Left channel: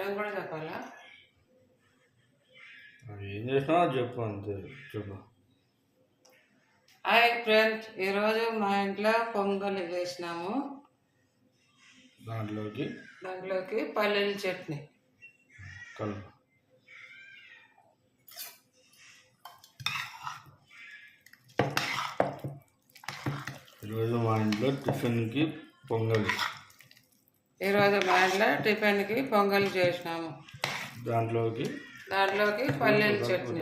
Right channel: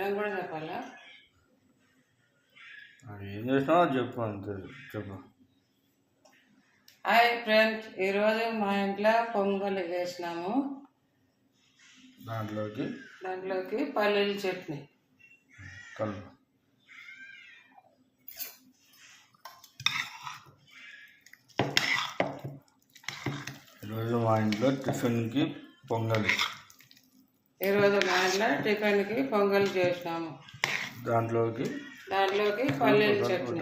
Item కూడా చెప్పాలా? ఏం చేసినావో చెప్పు, అంతే చెప్పు. హాయ్ ఫ్రెండ్స్, ఈరోజు మా ఇంట్లో పొంగల్ చేసినాము. దాంట్లోకి పల్లీల చట్నీ కలుపు. ఈరోజు మా ఇంట్లో టిఫిన్కి పొంగల్ చేసినాము. దాంట్లోకి పల్లీల చట్నీ.